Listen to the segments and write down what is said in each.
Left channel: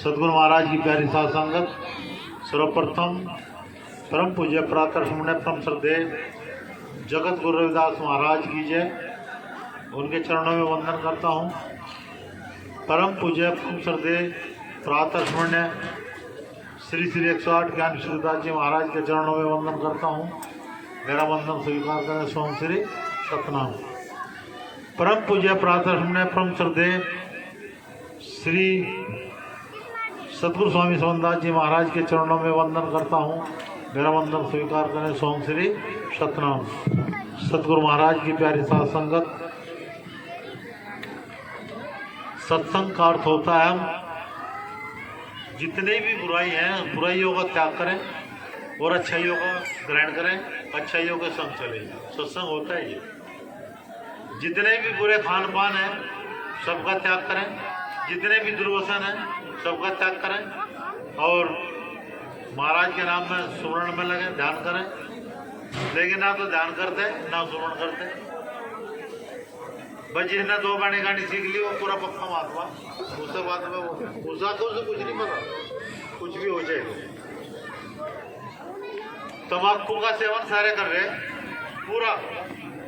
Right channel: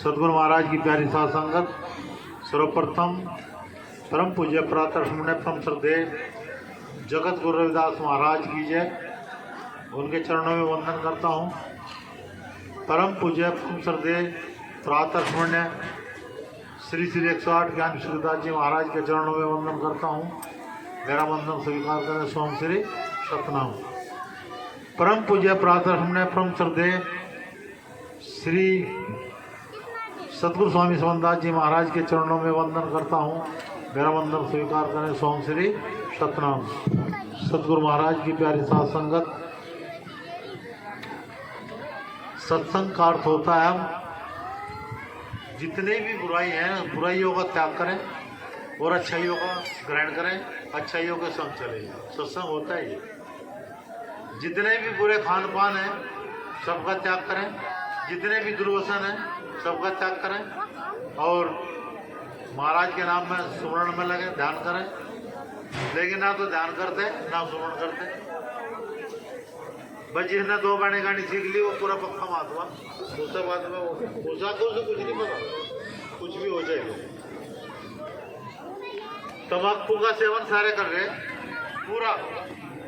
सदगुरु महाराज की प्यारी साध संगत, सर्वप्रथम परम पूज्य प्रातः सुमने परम श्रद्धे जगत गुरु रविदास महाराज की जय। उनके चरणों में वंदन करता हूँ। परम पूज्य परम श्रद्धे प्रातः सुमने श्री श्री 108 ज्ञान श्रीदास जी महाराज के चरणों में वंदन करता हूँ। मेरा वंदन स्वीकार करें सोम श्री सतनाम। परम पूज्य प्रातः सुमने परम श्रद्धे श्री सतगुरु स्वामी सोमदास जी महाराज के चरणों में वंदन करता हूँ। मेरा वंदन स्वीकार करें सोम श्री सतनाम। सतगुरु महाराज की प्यारी साध संगत, सत्संग का अर्थ होता है हम जितने भी बुराई हैं बुराइयों का त्याग करें और अच्छाइयों का ग्रहण करें, अच्छाइयों के संग चले। सत्संग होता है ये। जितने भी बुरे खान पान हैं सबका त्याग करें, जितने भी दुर्व्यसन हैं सबका त्याग करें और महाराज के नाम में सुमरण में लगे, ध्यान करें। लेकिन ना तो ध्यान करते ना सुमरण करते। बस जिसने 2 बाणी गानी सीख ली वो पूरा पक्का महात्मा। दूसरे बात में दूसरा तो उसे कुछ नहीं पता, कुछ भी हो जाएगा। तम्बाकू का सेवन सारे कर रहे पूरा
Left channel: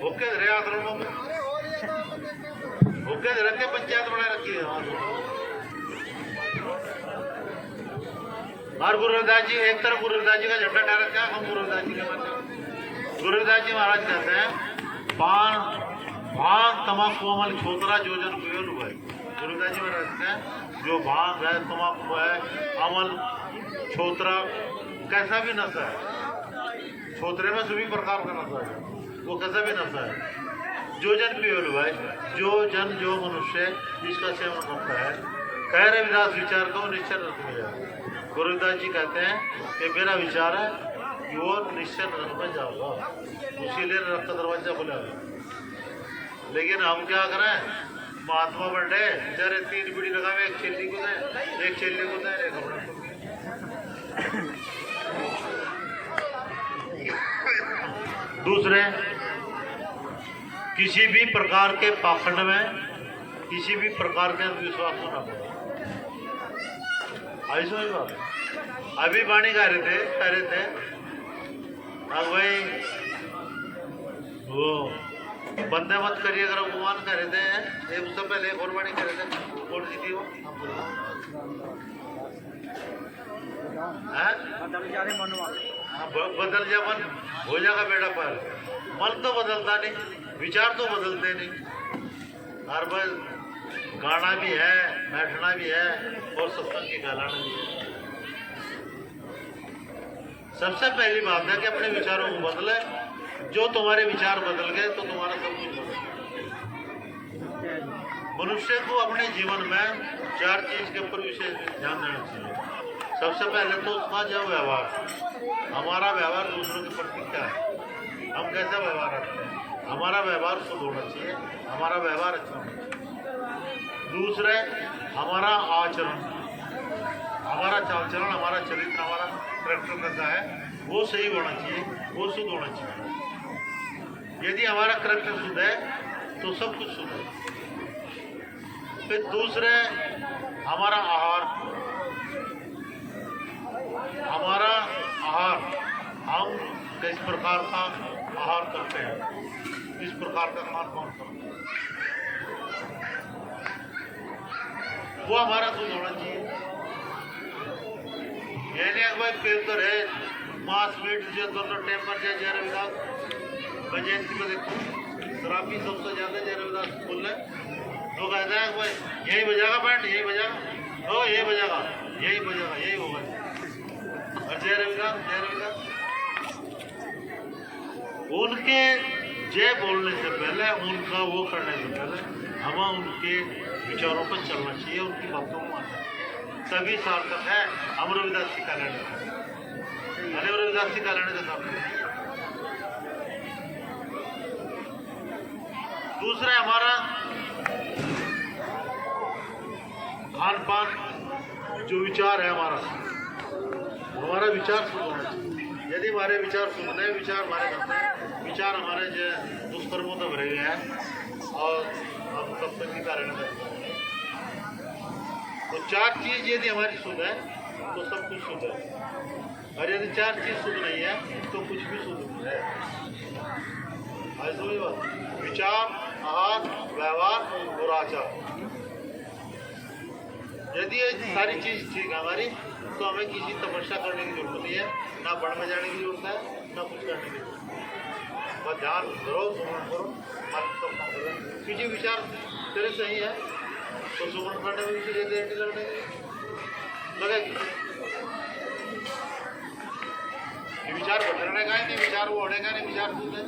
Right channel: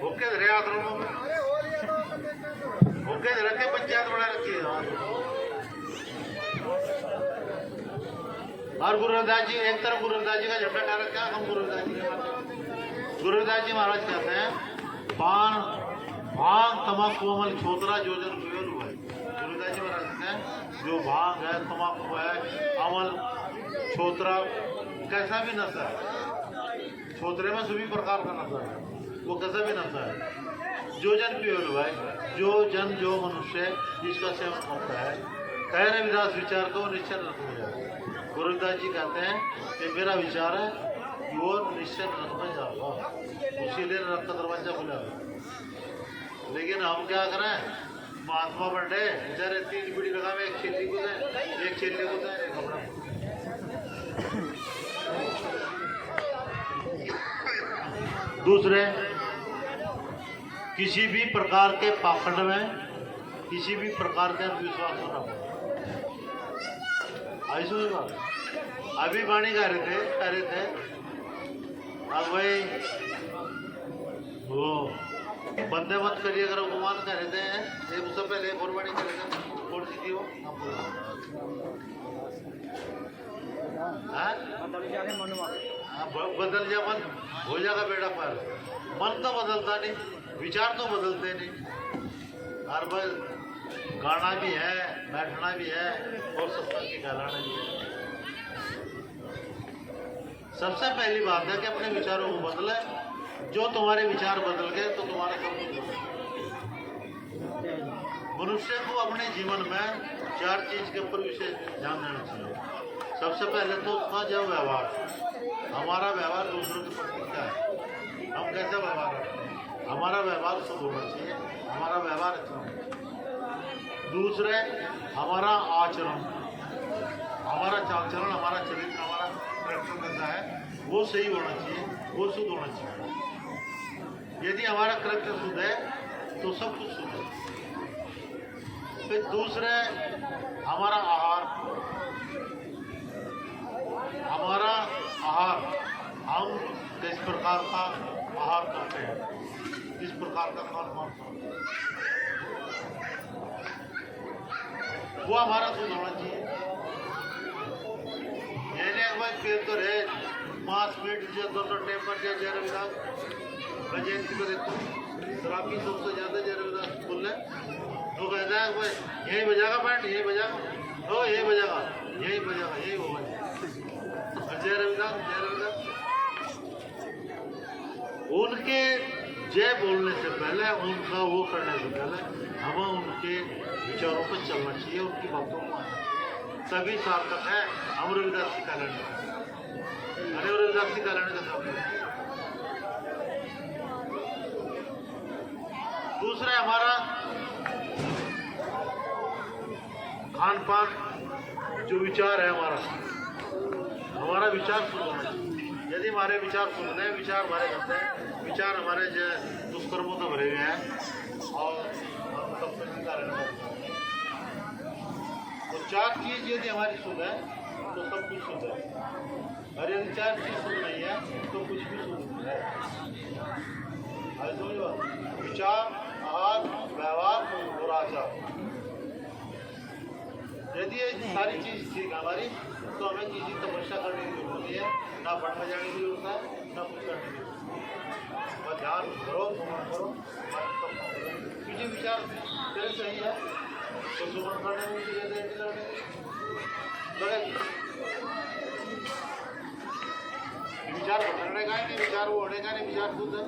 होके रहे आश्रमों में, होके रखे पंचायत बना रखी है। और गुरु रविदास जी एक तरफ गुरु रविदास जी का झंडा डाल रखा है। हम गुरु रविदास जी के मानते। गुरु रविदास जी महाराज कहते हैं पान भांग तम्बाकू अमल छोतरा जो जन पियो भाई। गुरु रविदास जी महाराज कहते हैं जो भांग है, तम्बाकू है, अमल छोतरा कैसा भी नशा है, छोतरे में सभी प्रकार का नशा है, वो कैसा भी नशा है। जो जन पियो भाई, जो जन जो मनुष्य जिसका सेवन करता है कह रहे विरास विचार को निश्चय रख में जाए। गुरु रविदास जी कहते हैं कि मेरा विचार है कि वो निश्चय रख में जाऊँगा, उसीलिए रथ का दरवाजा खुला है। लेकिन हम क्या करें, महात्मा बन रहे बेचारे 3 बीड़ी लगा में एक चेली को दें, एक चेली को दें, एक अपना दूसरे किसी भी प्रकार के पाखंड में, किसी भी प्रकार के अंधविश्वास में ना ऐसा ही बात। अभी वाणी कह रहे थे अब भाई वो बंदे मत करिए अगर उपमान कह रहे थे। एक उससे पहले एक और वाणी कह रहे थे, कौन सी थी वो? बदल जा मन, हो जाएगा बेटा पर। मन तो बदलता नहीं, विचार तो बदलते नहीं। हर बार गाना भी है, बैठना भी है और सत्संग की फैलाना भी है। सबसे पहली बात है कि अपने विचारों को बदले। जो तुम्हारे विचार बदल गए तो तुम्हारा सब कुछ बदल गया। मनुष्य को अपने जीवन में 4 चीज के ऊपर विशेष ध्यान देना चाहिए। सबसे पहले तो उसका जो व्यवहार, हमारा व्यवहार दूसरों के प्रति क्या है, हम कैसा व्यवहार रखते हैं। हमारा व्यवहार शुद्ध होना चाहिए, हमारा व्यवहार अच्छा होना चाहिए। दूसरे हमारा आचरण, हमारा चाल चलन, हमारा चरित्र, हमारा कैरेक्टर कैसा है वो सही होना चाहिए, वो शुद्ध होना चाहिए। यदि हमारा कैरेक्टर शुद्ध है तो सब कुछ शुद्ध है। फिर दूसरे हमारा आहार, हमारा आहार, हम किस प्रकार का आहार करते हैं, किस प्रकार का खान पान करते हैं, वो हमारा शुद्ध होना चाहिए। पेड़ तो रहे मांस मीट जो दोनों टेम्पर जय रविदास जयंती को देखो, शराबी सबसे ज्यादा जय रविदास बोल रहे तो कहता है भाई यही बजाएगा बैंड, यही बजाएगा, ओ यही बजाएगा, यही बजाएगा, यही होगा। जय रविदास, जय रविदास। उनके जय बोलने से पहले, उनका वो करने से पहले हमें उनके विचारों पर चलना चाहिए, उनकी बातों को मानना चाहिए, तभी सार्थक है। हम रविदास की कालने का, रविदास की कालने का सार्थक। दूसरा हमारा खान पान, जो विचार है हमारा विचार शुद्ध होना चाहिए। यदि हमारे विचार शुद्ध है, विचार हमारे करते हैं, विचार हमारे जो दुष्कर्मों से भरे हुए हैं और तब तक की कारण तो चार चीज यदि हमारी शुद्ध है तो सब कुछ शुद्ध है, और यदि चार चीज शुद्ध नहीं है तो कुछ भी शुद्ध नहीं है। आज समझ बात, विचार, आहार, व्यवहार और आचार, यदि ये सारी चीज ठीक है हमारी, तो हमें किसी तपस्या करने की जरूरत नहीं है, ना बढ़ में जाने की जरूरत है, ना कुछ करने की जरूरत है। बस ध्यान करो, सुमन करो, मन सब काम करो। किसी विचार तेरे सही है तो सुमन करने में भी देर नहीं लगने लगेगी। विचार भटकने का ही नहीं, विचार वो होने का नहीं, विचार शुद्ध है।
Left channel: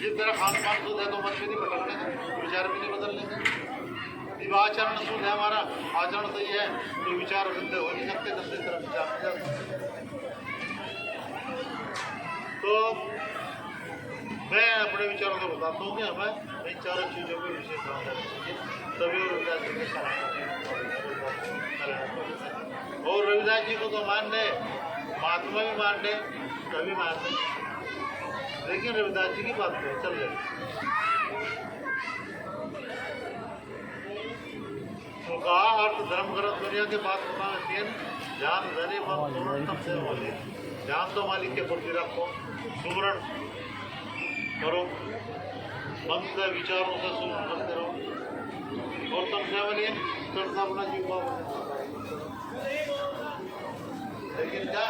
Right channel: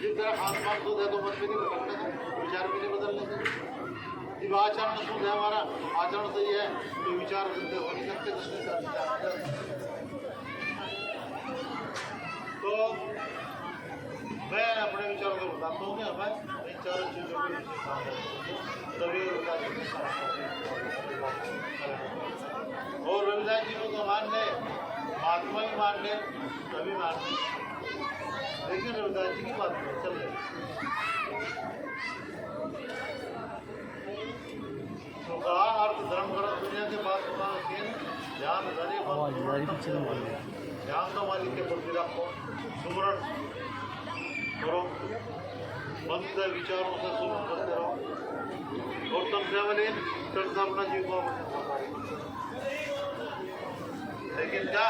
जिस तरह खान पान शुद्ध है तो मन भी नहीं भटकने का, विचार भी नहीं बदलने का। जब आचरण शुद्ध है, हमारा आचरण सही है, तो विचार गंदे हो नहीं सकते, दूसरी तरफ विचार नहीं जा सकते। तो मैं अपने विचारों को बताता हूँ कि हमें इन चारों चीज़ों पर विशेष ध्यान रखना चाहिए। तभी रविदास जी के और रविदास जी को तो मान ले, महात्मा भी मान ले, तभी मान ले, लेकिन रविदास जी की बात करें चल रही तो कहा अर्थ धर्म ग्रंथ दुनिया के बात बताना चाहिए। ध्यान धने ध्यान तो मालिक के प्रति रखो, सुमरण करो, मन से विचारों से सुन करते रहो, और तुम केवल करता अपना जीव को। लेकिन क्या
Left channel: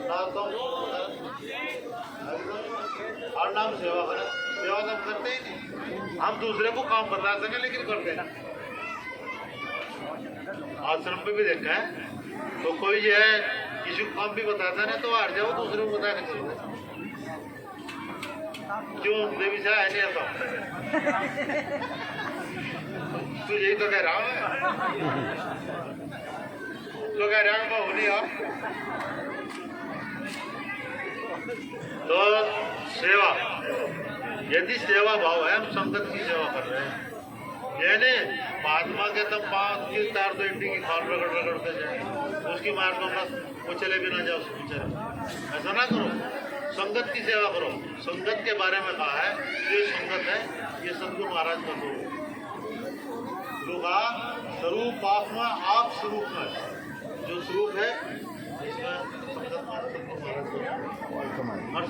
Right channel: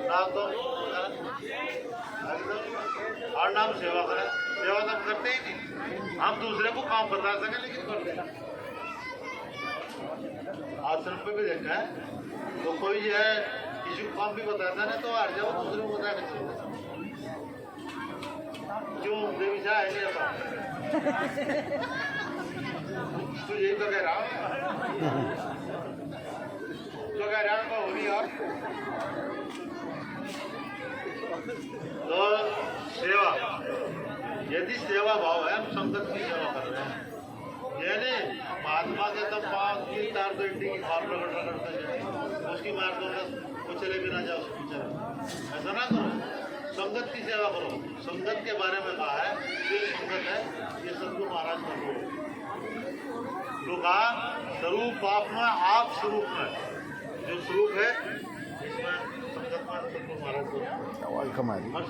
ना तुम एकदम हर नाम सेवा करें, सेवा तो हम करते ही नहीं, हम दूसरे को काम बता सकें लेकिन करते हैं। आश्रम पे भी देखा है तो कोई जो है किसी को काम भी बताता नहीं तो हार जाओ, दूसरे को बता के चलते क्यों देवी से है नहीं आता। तू यही तो कह रहा है, तो कह रहा है बहु नहीं यार। तो सेवा, यदि सेवा भाव है, हम संगत की सेवा कर रहे हैं, यानी महात्मा के तब 5 की 4 तो इंडी की खाल रगड़ रगड़ते जाए, उसकी मार दो ना, वो चले भी ना जाओ उसके पीछे, ऐसा ना करो। संगत की सेवा करो। संगत के बारे में कहा है, जो संगत है ये सदगुरु महाराज का स्वरूप। तो कहा स्वरूप आप में, आप स्वरूप में, जो स्वरूप है इसमें संगत में सदगुरु महाराज का और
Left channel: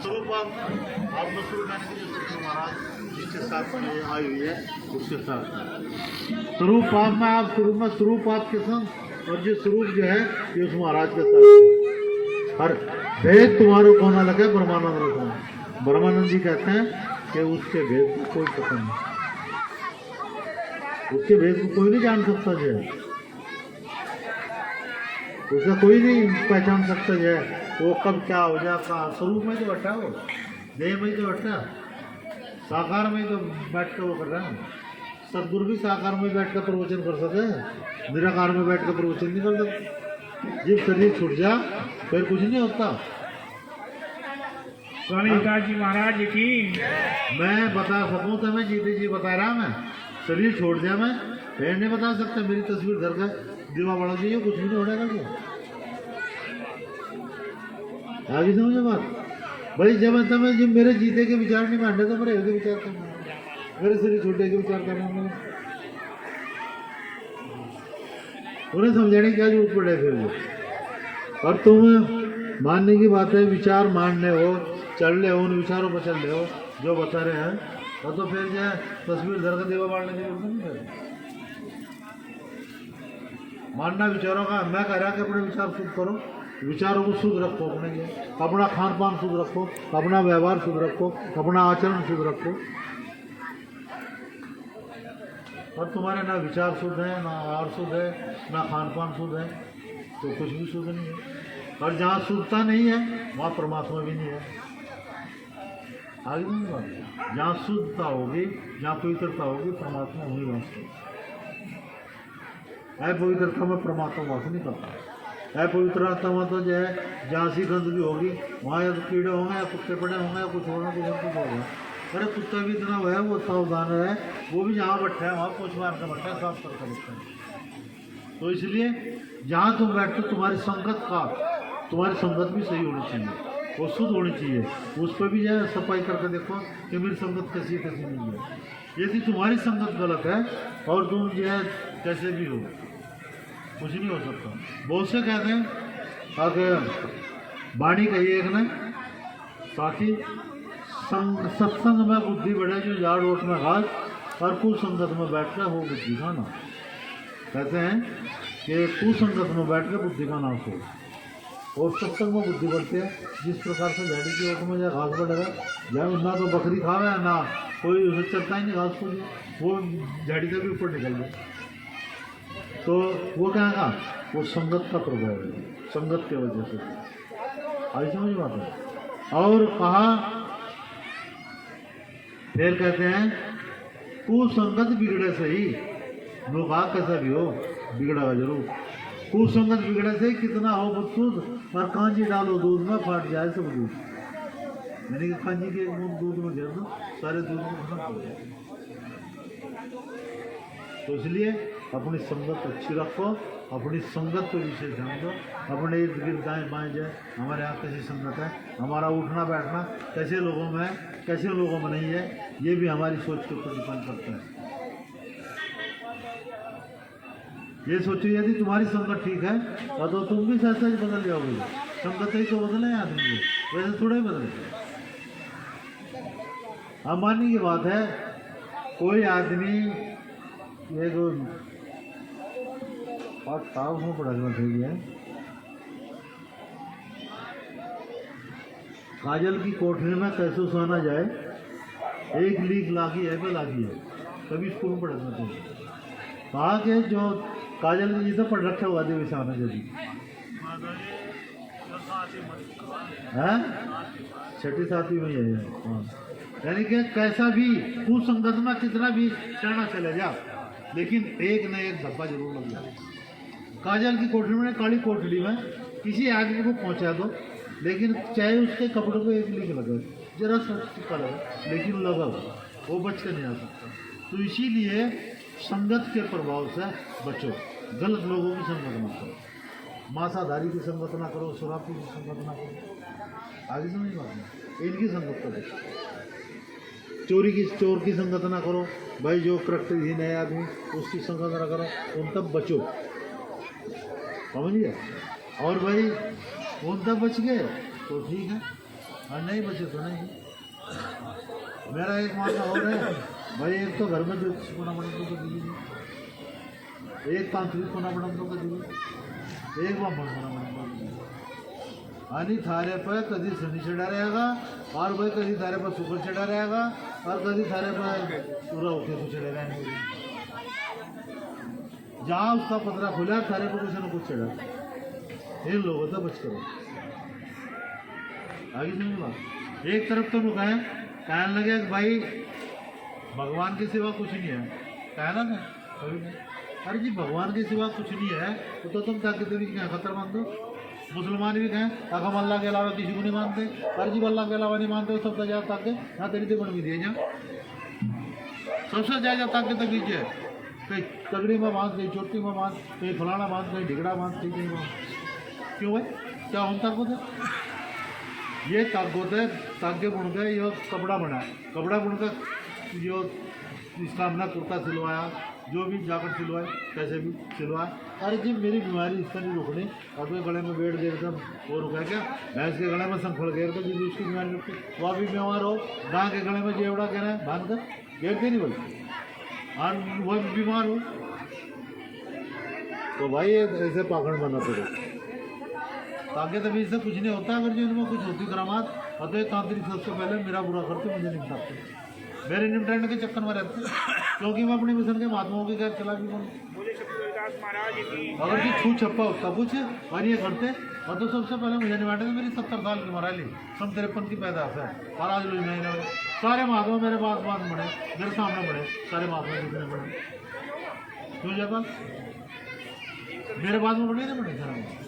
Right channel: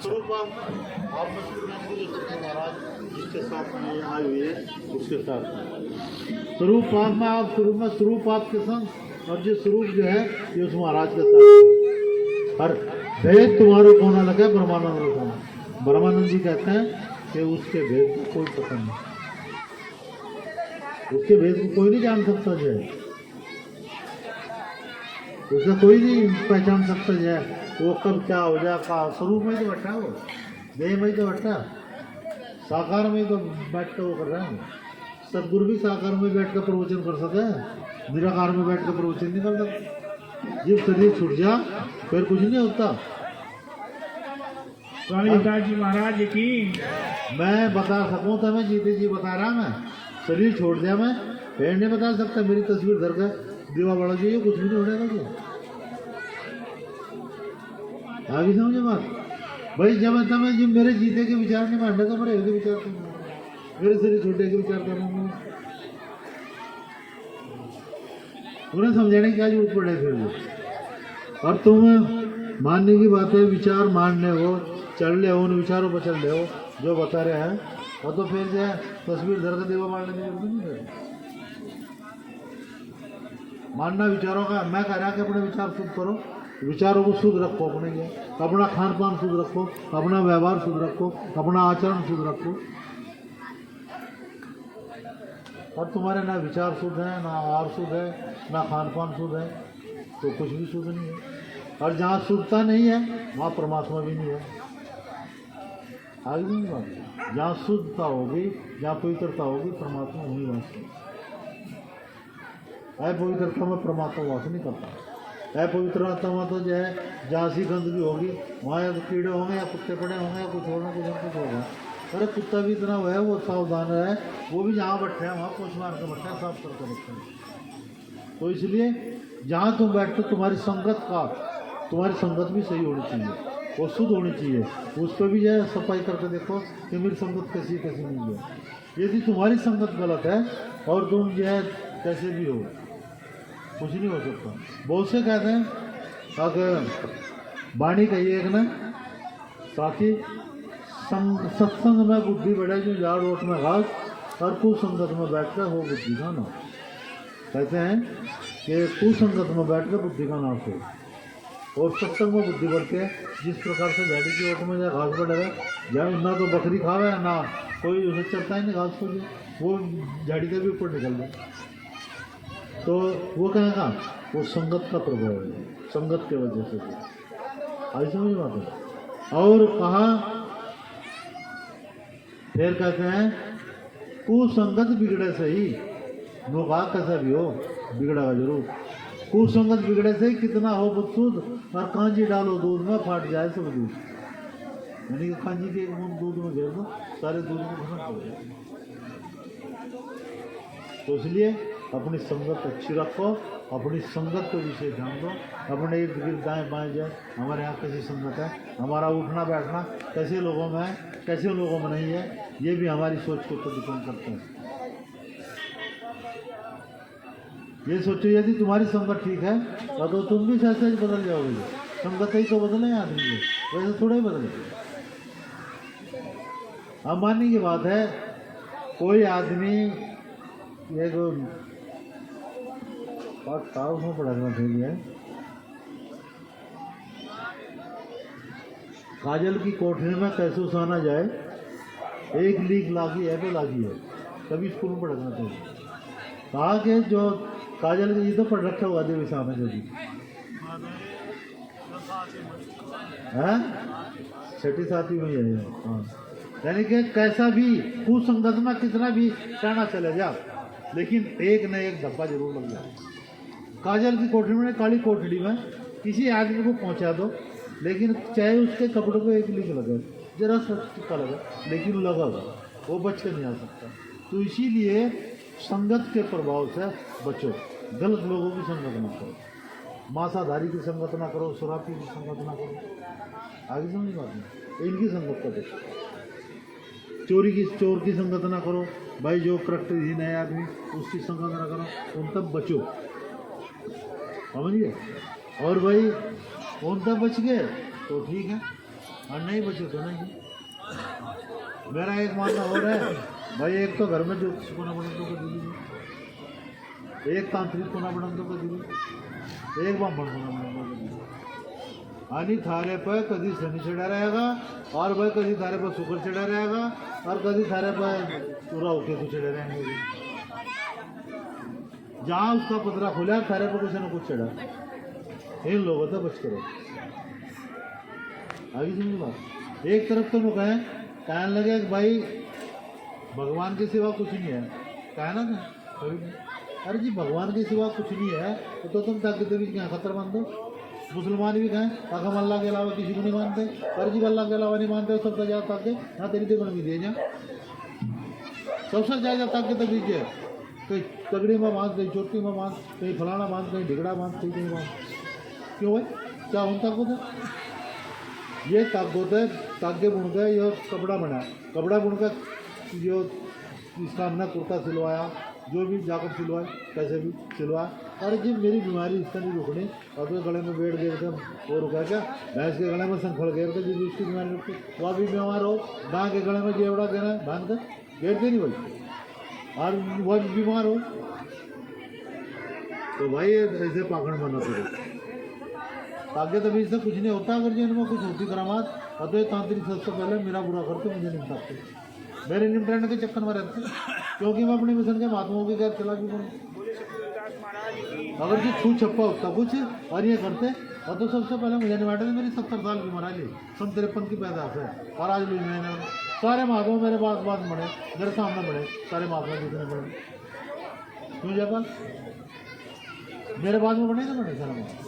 स्वरूप आप में स्वरूप नाम की जो सदगुरु महाराज जिसके साथ में ये आई हुई है उसके साथ स्वरूप आप में, आप स्वरूप में, स्वरूप आपके संग, और जो स्वरूप जो है ये उस महाराज के साथ। और भेद तुम्हारे को ना लगे ब्रह्मानंद रखो। ब्रह्मानंद जी कहते हैं कि उसके भेद को कोई पता नहीं, उसके भेद को कोई नहीं जान सकता जो है, उसका कोई नहीं पहचान सकता जो है वो कब क्या हो जाए। का स्वरूप में तो बैठा, वो देह में तो बैठा, साकार में तो बैठ कर वो कर रहा है। सदगुरु भी साकार में बैठ कर प्रवचन कर सके, निराकार में बैठ कर प्रवचन नहीं कर सकते। जब शरीर छूट जा फिर कुछ नहीं होता। स्वामी जी महाराज की मैं बता सकूं तो मैं जीते जी बता रहा, मैं शरीर छोड़ दिया मैं फिर नहीं बता सकता। मेरी तस्वीर घर का दीवा बढ़ा चाहिए, कुछ भी नहीं होने का। आगे समझे बात भाई, जब मैं जब मेरे जीते के विचार नहीं मानने तो मेरे के विचार करना, मेरे शरीर छोटे के विचार करेंगे, उन्हें समझाने की क्या जरूरत पड़े फिर। और तुम मानने की बात है, विचार मानने हो, चल रहे हो, उन विचारों पर चल रहे हो जो बता रहे हैं, और तो फिर जो है तस्वीर धर का देवा मारने की जरूरत नहीं है। मानना विचारों का, मैं कह रहा कि अपने विचार शुद्ध करो, विचारों को शुद्ध रखो, अपने लिए अपना खान पान शुद्ध रखो, अपना व्यवहार शुद्ध रखो, अपना आचरण शुद्ध रखो। और तुम्हारे ना विचार शुद्ध है, ना आहार शुद्ध है, ना खान पान शुद्ध है, तो कुछ भी शुद्ध नहीं है। और जहाँ शुद्धता नहीं है वहाँ परमात्मा भी नहीं है। आगे नहीं बात, जहाँ शुद्धता होगी, जहाँ पवित्रता होगी, परमात्मा वहीं वास करता। पवित्रता में परमात्मा वास नहीं करता। पवित्रता में तो जो है जहाँ सी गंदगी होगी वहाँ या तो कीड़े होंगे, या कुत्ते पड़े होंगे, या कुछ होगा, कुछ होगा। अरे कुत्ता भी इतना हुआ है, वो सावधान है, वो भी जहाँ बैठा है वहाँ पूछ मार कर बैठा है, साफ करके बैठा है। तो इसलिए जहाँ तुम बैठते तुम्हारी संगत भी सही होनी चाहिए, वो शुद्ध होनी चाहिए। उस पर भी जो है सफाई करके देखो कि मेरी संगत कैसी नहीं है। यदि तुम्हारी संगत गलत है और तुम जो है कैसे भी हो, कुछ नहीं हो सकता। बहुत से कहते हैं अगर वाणी कही एक ने ताकि सत्संग में बुद्धि बढ़े जो झाड़ ओट में घास और कुसंगत में बैठ कर हो बुद्धि का नाश। कहते हैं कि कुसंगत में बैठ कर बुद्धि का नाश हो और सत्संग में बुद्धि बढ़ती है। जिस प्रकार से झाड़ी की ओट में जहाँ घास बढ़ेगा, जहाँ ना तो बकरी खावे ना कोई उसे चलता ही नहीं घास को, वो झाड़ी का भी ऊपर निकल जाए। तो वो क्या है, वो संगत का प्रभाव है, संगत के वजह से। आई समझ बात है। और कहा फिर कहते हैं कुसंगत बिगड़े से ही, लोग कैसा भी हो बिगड़ेगा जरूर। कुसंगत बिगड़े से ही कितना हो बदसूद और कांजी डालो दूध में फाट जाए सब दूध। यानी कि कांजी के एक बूंद दूध में घेर दो सारे दूध को खत्म कर दो। तो इसलिए अपनी संगत अच्छी रखो, अपनी संगत को विशेष ध्यान दो। अपने इर्द गिर्द दाएँ बाएँ जाए हमारे यहाँ कैसी संगत है, हमारा उठना बैठना कैसे लोगों में है कैसे लोगों में नहीं है, ये भी हमारी सोच के ऊपर डिपेंड करता है। ये सोचो यदि तुम्हारी संगत ठीक है तो तुम भी सहज सहज बदल जाओगे। संगत ही तो बदले आदमी को, वैसे थोड़ा ही बदले। अब मानने की बात है कोई आदमी एक उसमें पढ़ाना चाहिए, काजल की कोठरी में कैसे सोना जाए, एक लीक लागी है पे लागी है, कभी स्कूल में पढ़ाना चाहिए। कहा कि जो काजल के जितना पढ़ रखा हुआ देवी साहब ने जो भी है छठी सातवीं में है। हाँ, यानी कि कैसा भी कुसंगत में कितना भी कहना चले जा, लेकिन एक न एक धब्बा जरूर लग जाए। काजल की कोठरी में काली कोठरी में किसी आदमी को पहुंचा दो, लेकिन चाहे उसके कपड़ों को एक लीक लगा जरा सा टिक्का लगा, लेकिन लगा वो बच कर नहीं आ सकता। तो इसीलिए संगत के प्रभाव से बचो, गलत लोगों की संगत ना करो, मांसाधारी की संगत ना करो, शराबी की संगत ना करो। आगे समझ बात नहीं, इनकी संगत का बचो। चोर की संगत ना करो भाई, जो प्रकृतिहीन है आदमी उसकी संगत ना करो, उन तक बचो, समझिए। और भाई उन तक बच गए तो ठीक है, और नहीं बचे तो नहीं। मेरा एक मानना और है भाई, एक तो घर में ज्योतिष कोना बड़ंतों को दीजिए, एक तांत्रिक कोना बड़ंतों को दीजिए, एक ब्राह्मण कोना बड़ंतों को दीजिए। आनी थारे पर कभी शनि चढ़ा रहेगा, और भाई कभी थारे पर शुक्र चढ़ा रहेगा, और कभी थारे पर पूरा होके तो चढ़े रहेंगे। जहाँ उसका पतरा खुला थारे पर कुछ न कुछ चढ़ा, इन लोगों से बच करो। आगे समझ बात। एक तरफ तो लोग कहने लगे कि भाई भगवान के सिवा कुछ नहीं है, कहना ना कभी नहीं। अरे जी भगवान के सिवा कुछ नहीं है तो तुम ताकि देवी क्या खतर मान दो। मुसलमान भी कहें ताकि हम अल्लाह के अलावा किसी को नहीं मानते, अरे जी अल्लाह के अलावा नहीं मानते सब तो जाए ताकि ना तेरी देखने भी दिए जा सबसे जाए ताकि तो बीजे कहीं तगड़ी में बांध, कहीं चोटी में बांध, कहीं फलाना बांध, कहीं ढिगड़ा बांध, कहीं बांध। क्यों भाई क्या हम ताकत है? ये ताकत है तागे बुन के ये कपड़ा बना, कपड़ा बुन कर जो इसका हमने कुर्ता सिलवाया, जो भी जैकेट सिलवाए, कैसे भी सिलवाए। अरे जी मेरी बीमारी इसका नहीं रुकनी, और तो गले में बेड़ गेर कर वो रुका क्या, भैंस के गले में संखड़ गेर कर जिसकी उसकी बीमारी रुकती, वो भी बीमार हो, गाय के गले में जेवड़ा गेरा है बांध कर गेरते नहीं बोलते, और वह भी बीमार हो। तो भाई ऐसे पाखंड बना पड़े ताकि तभी इससे कुछ नहीं होता। अगर जो इनमें कुछ होती करामात, अतः तांत्रिक सबसे पहले मेरा बुरा करते, मुझे निपटाते, मेरे निपटाने के चक्कर में रहते, क्योंकि मैं अपने मिशन के महात्माओं के घर चला भी बनूँ। अगर जो छू छप्पा उसका कुछ और ये करते और तो सबसे पहले मुझे निपटाते। मेरी 70 साल की मरा ली, सन 53 की पैदाश है, और आज लोग मैंने सारे महात्मा मेरे पास बात बढ़े, मेरे सामने बढ़े, सारे महात्मा जितने बढ़े। क्यों जयपाल मेरे बाद में बढ़े ना बढ़े सारे महात्मा।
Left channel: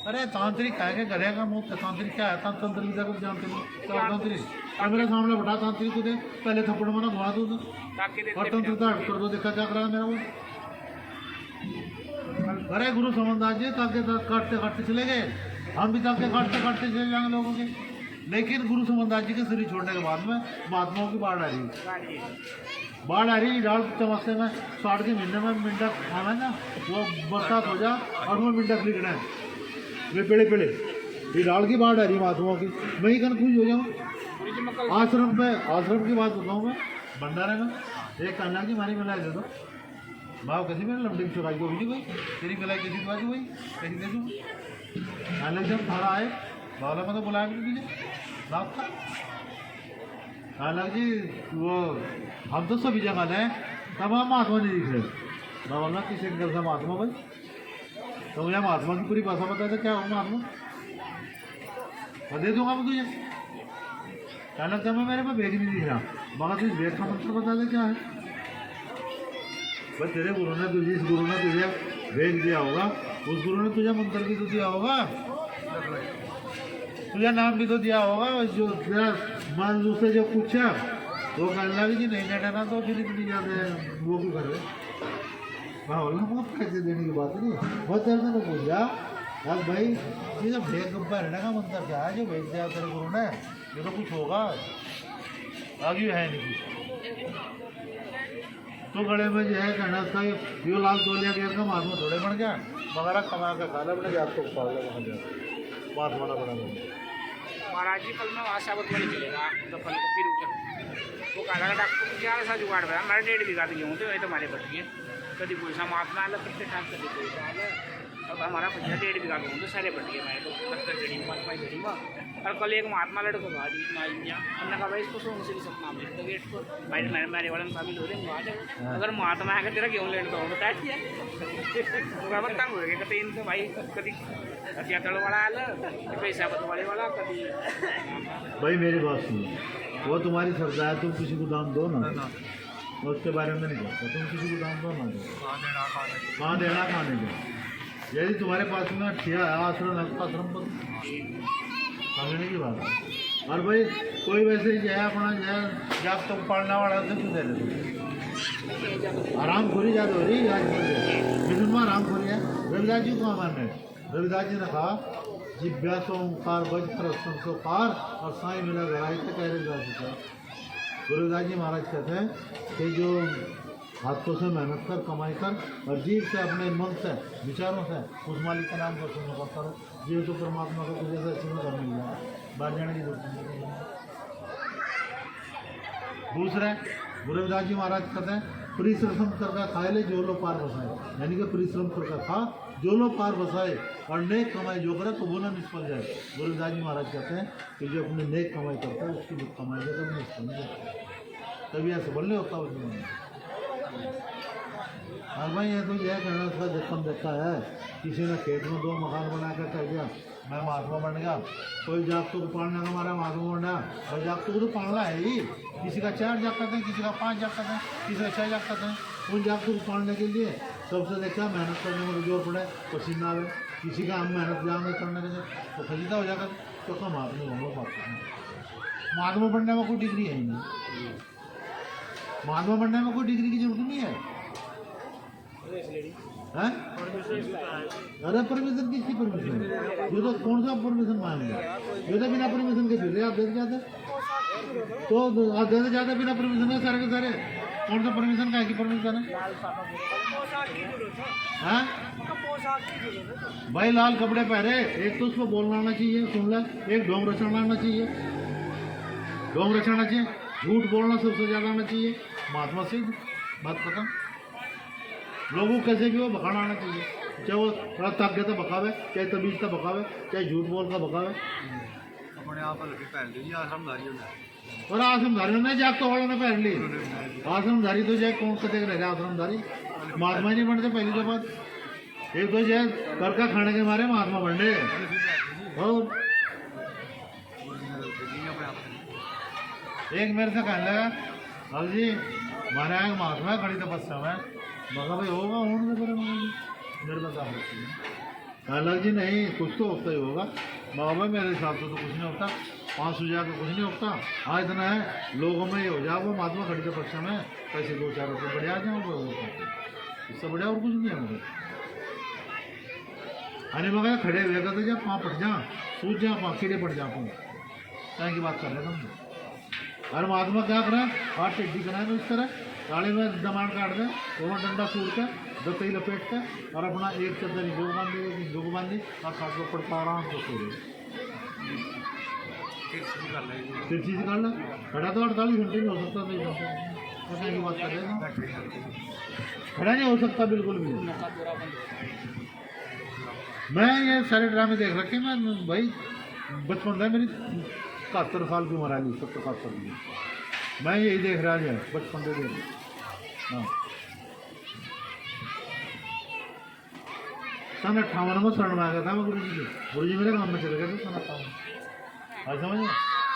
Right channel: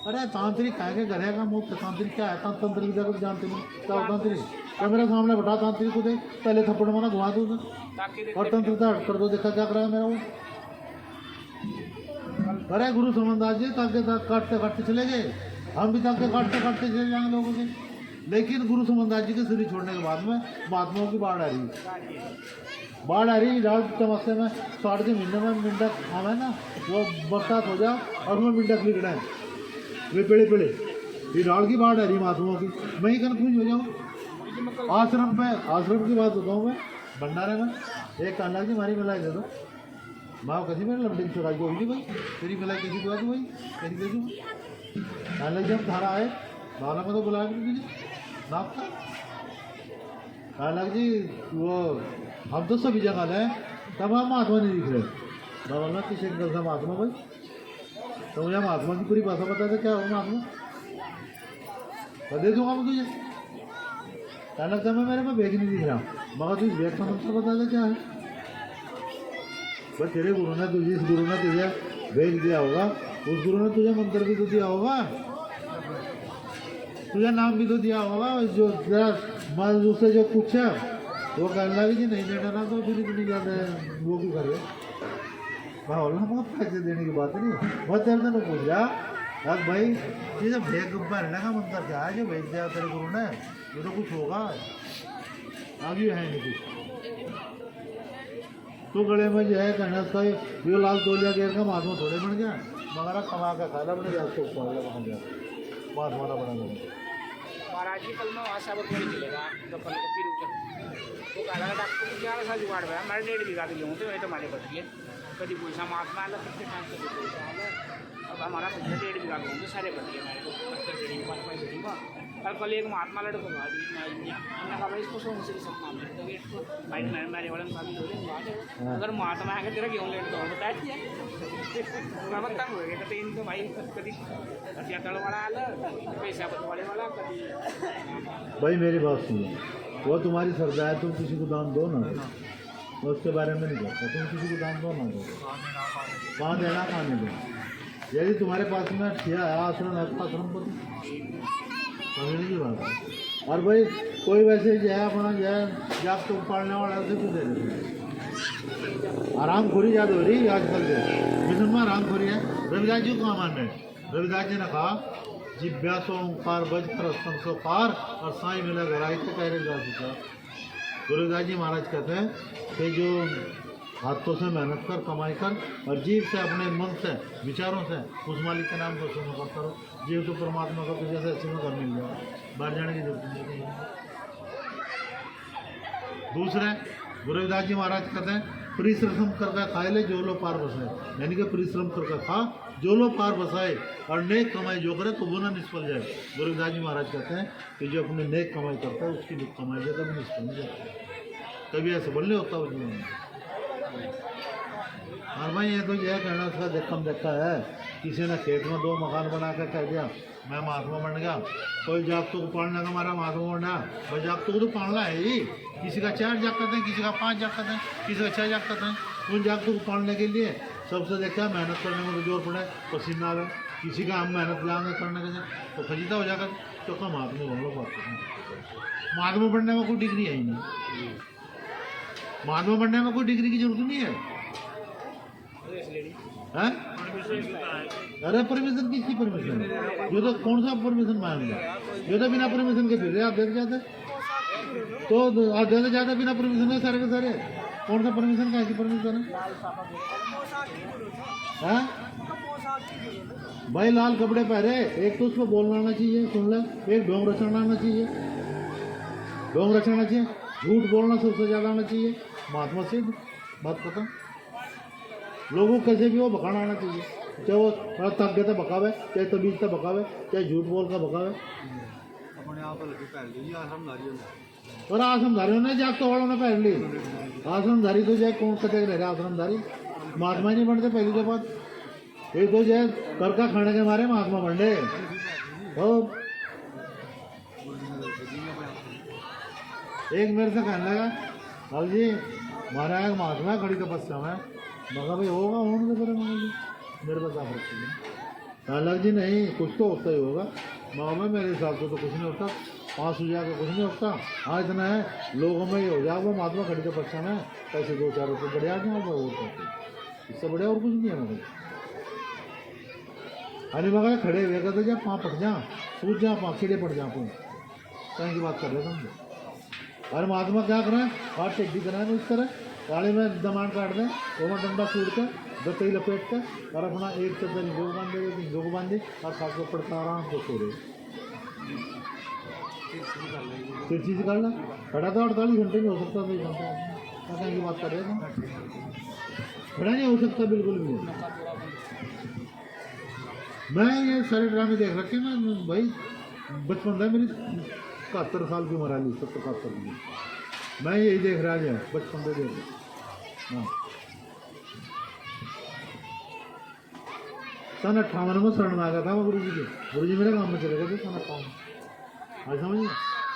अरे तांत्रिक कह के घरे का मुफ्त तांत्रिक क्या है? तंत्र विद्या को जानते हो क्या? तांत्रिक और मेरे सामने बैठा तांत्रिक को दे पहले थप्पड़ मारा घुमा दो और तंत्रता हट कर दो, देखा क्या करा मेरा वो। अरे गुरु समझदार जी ताके काटते काटते चले गए, हम भी ताके काटते काटते चले जाएंगे लोगों के। लेकिन गुरु समनदास जी के शरीर छोड़ने के बाद में महात्माओं की बाढ़ आ रही है। बाढ़ आ रही डाल चमस्ते में 60 के महीने में मिंडक खावे ना वो बरसात हो जा और उसमें मिंडक लिखना है वे पेड़े पेड़े ये डाल की बाढ़ आ रही महात्माओं की। मैं ही कन्फ्यूज हो जाऊँ। आश्रम की बात बताऊँ मैं भंडारे में एक कान्हा की मारी मिलाई दे दो भाव कैसी मैंने लमडी की चुराई को भी नहीं भाई तेरी मिलाई कैसी दुआ भाई कैसी दे दूँ कान्हा जब थारा आए भावना में तो बुलाया कि तुझे नाप था कान्हा जी वो हम तो सभी जगह है तब हम महात्मा नहीं दिख रहे भावना किस एंगल से महात्मा भाई तो मुझे महात्मा की पूरी भाषा बता दे क्या हो महात्मा तो दे दूंगा मैं तुझे कान्हा क्या मैं मेरे में बैग नहीं दिख रहा मगर तुझे बैग का मतलब बता दे क्या है बस तेरे गुरु ने तुझे इस गुरु ने तुझे भेज दिया होगा उस गुरु ने तुझे मंत्र भी तो दिया होगा तुझे नाम भी तो दिया होगा जो मन उससे जो पूछा वो कहना भी कि नहीं बेटा ना तो फिर इतनी ज़्यादा वो भी कर रहे भावना पैसे देने की बात नहीं बस तेरे से पूछ रहा यार भाई ये जो भेज भरने का मंत्र क्या है जो भेज दिया तेरे गुरु ने ये तो कुछ होगा आगे है नहीं कुछ तो गले में जो है कहना था यो लाल तोलिया गेर का महात्मा थोड़े बन गया मगर कमा का खाना बने जा तो पाल बन गया महात्मा बना बना महाराज जी कल मैं आशावत वही चलेगा तो कल को फिर वो काला का डॉक्टर क्या ऐसा जुगाड़ रहा मेरे 1.5 बीघा तो गेहूँ थे वही तो हमारे बढ़ गए कभी पूछना महात्मा आला फिर से टाइम कभी कोई आला अब हमारा 1.5 बीघा गेहूँ तो सारे बढ़ गए हमारे को 10 डेढ़ी में और कल एक महात्मा लड़को भाई हमने कहा भाई इसको सो मुझे सपना में तो वेट को मेरे वाले में काबिल हो रहे अगर महात्मा है तेरा गेहूँ लेट करो बता दिया तंग हो गया कहते इनको भाई कभी हथिया तड़ वाला आला पैसा बटवाले वाला कभी भाई मेरी बात सुनो वो तुम्हारी श्रद्धा है तुम किसी को दान दो ना उसके बारे में नहीं कहता तुम किसी को दान दो ना दो कहाँ देना कहाँ नहीं देना यदि तुम्हारे पास में ठिया है आश्रम पर समझने की बात है और भाई कोई वैसे ही जाए अपना जाए जब तुम पढ़ने वाला से क्यों दे देते आराम खोरी ज्यादा हो रही आजकल मिशन में आराम खोरी है रविदास जी को कहाँ मान रहे रविदास जी ने कहा जिज्ञासो ओंकार बज कर संसोकार और साई मिला गराई तो कह रहे जा चुका गुरुदास जी महाराज कहते हैं कि जो हाथों से मेहनत कर कमाई कर और जीव से अपने मन से विचारों से उस मालिक का नाम को सुनो करो जीव तो परमात्मा को तुझे से अच्छे घर मिल जाए बाहर जाने की जरूरत नहीं। दूसरे गुरु रविदास जी महाराज कहते हैं परिश्रम करके खाए ले जो लो पार बसाए यानी कि परिश्रम करके खा जो लो पार बसाए और नेक कमाई जो करे तो वो ना निष्फल जाए। गुरु रविदास जी महाराज कहते हैं कि जो अपने नेक कमाई करता है उसकी कमाई जो कभी निष्फल नहीं जाती कभी ऐसा बोलने होता है जीवन में। और भाई ये तो यह कहना उसका जख्म देखा है किसी ने खेत में 2 मकान बना कर कह दिया मैं महात्मा बन गया कोई जागतों को पालने का हमारा महात्मा बन गया भाई जागतों को तो पालना है ही किसी का 4 जाग करते हैं किसी का 5 जाग करते हैं किसी का 6 जाग करते हैं उन जागतों को पालने के लिए सबसे देखा मेहनत करने में तो जोर पड़े पसीना आवे किसी का हम मेहनत जाएंगे करने के तो खजीदा हो जाकर तो कम महात्मा बन लो बात महात्मा बनने में कोई डिग्री है ही नहीं महात्मा बनने में कोई डिग्री की जरूरत नहीं है। अरे परमिशन किसकी परमिशन ये तो कौन सा परमिशन मांगेगा ये तो बिना परमिशन के फिर आप देख जाते तो आप देने जाते बिना परमिशन के सारे कौन सा परमिशन का की परमिशन है भाई लाल कपड़े पहरे एक तो उसको बोलना आना चाहिए सुन ले एक ढोंग रचना आना चाहिए ढोंग रचना चाहिए झूठ बोलना सबसे ज़्यादा आना चाहिए महात्मा सिद्ध बात खत्म। लोगों को कैसे भी वो भगाना आना चाहिए चाहे वो थोड़ा थक गया तो भगावे चाहे तबीज तो भगावे चाहे झूठ बोल का भगावे अपने आप पहन ली आश्रमधारियों ने और आश्रमधारियों ने जाग तो वालों ने पहन ली आश्रमधारी तो जाए कौन कते रह रहा आश्रमधारी महात्मा ही नहीं बनते पहली तो बात एक तो जाए कर का खाने के मारे महात्मा बन रहे और एक मेरे से कहने लगा अब जी हमारा एक महात्मा खड़ी तपस्या में मगर भाई होगा उन्होंने तो मेरे पास आप रखिए अलग जी नहीं कुछ तो होता ही होगा मगर भाई मेरे हिसाब से तो कुछ नहीं होता 5 सुझा के कुछ नहीं होता हाँ इतना है लोगों में ये हो जाए वो महात्मा खड़ी तपस्या में पैसे 2-4 रुपये बढ़िया आ जाए इससे बढ़िया और कुछ नहीं है मगर अरे मगर खड़े हुए कहते जब पाँव पट जा सूझ जा पाँव कीड़े पड़ जा पाँव कहीं की बात कर रहे तुम? अरे महात्मा क्या करें, हाथ टेढ़ी कराए इस तरह गाड़ी में दमान काट दें, वो डंडा सूट कर दतई लपेट कर और अपना एक चद्दर इंजो को बांध दे, इंजो को बांधी और खास को पड़ता आराम से सो रहे। फिर चीज़ कर ला, खड़ा तो 48 घंटे नहीं हो सकता, नहीं घंटे कहीं की बात कर रहे हैं, खड़ा नहीं हो सकता बिल्कुल भी। मैं ये सारे ड्रामे देख रखे मैं भाई, बचपन था मेरी 71 साल की उम्र है, 70-71 की, मैं यही देख रहा है बचपन से देख। हाँ सन 58 में शरण में आ गया था मैं गुरु जी के, गुरु जी मेरे काम में चले गए थे सन 58, आज समझिए।